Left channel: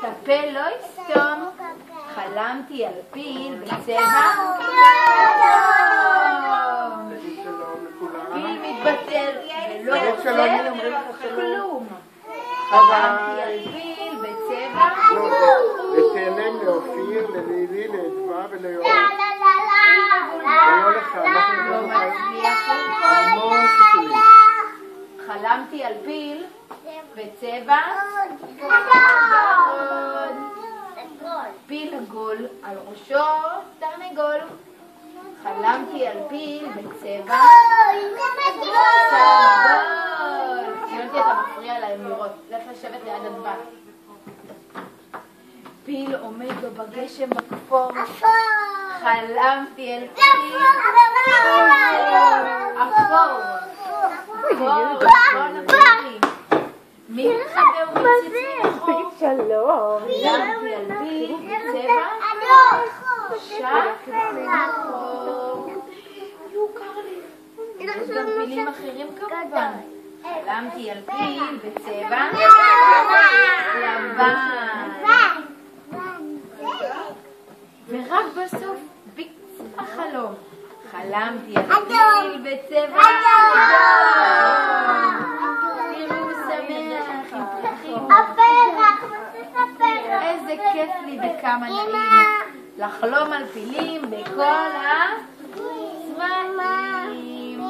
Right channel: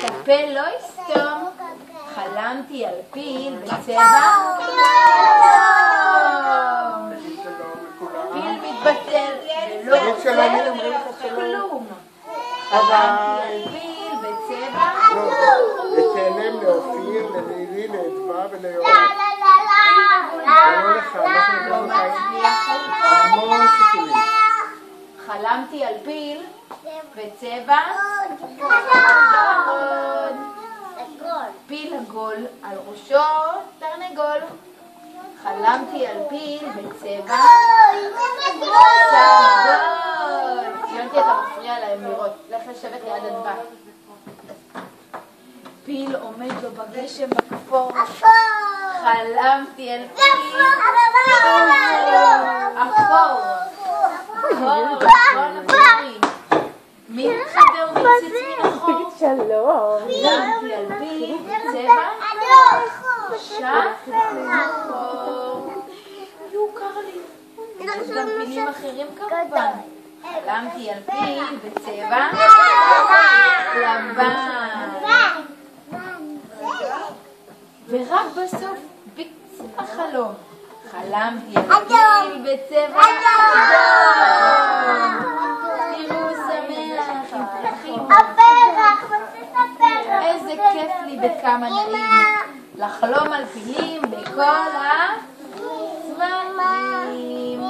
שהפה לא יסתום. חלמתי על פיל בצבע פיל מתבטל ולא רוצה כלום. חלמתי על פיל בצבע ותהלם לאופיר, ללילי, לאדווה וליואב. לא מצליח המון סיכולים. חלמתי על פיל בצבע פיל עגול, על ראשו תרנגול. חלמתי על פיל בצבע סגול. יונתי, אתה מפריע להם לראות. לך לשבת ליד אדווה. פיל עומד לו בגשם בכפור. חלמתי על פיל אפור. מי מתחבר ומצץ מן החור? חלמתי על פיל בצבע שחור. יו, קר לי. יש גם פילים אחרים כמובן. חלמתי על פיל בצבע לבן. ורק בסוף בקצה החלום חלמתי על פיל בצבע תראו שמח עם פרחים. איזה כיף לי וכמה נעים לחלום על פילים בכל הזמנים.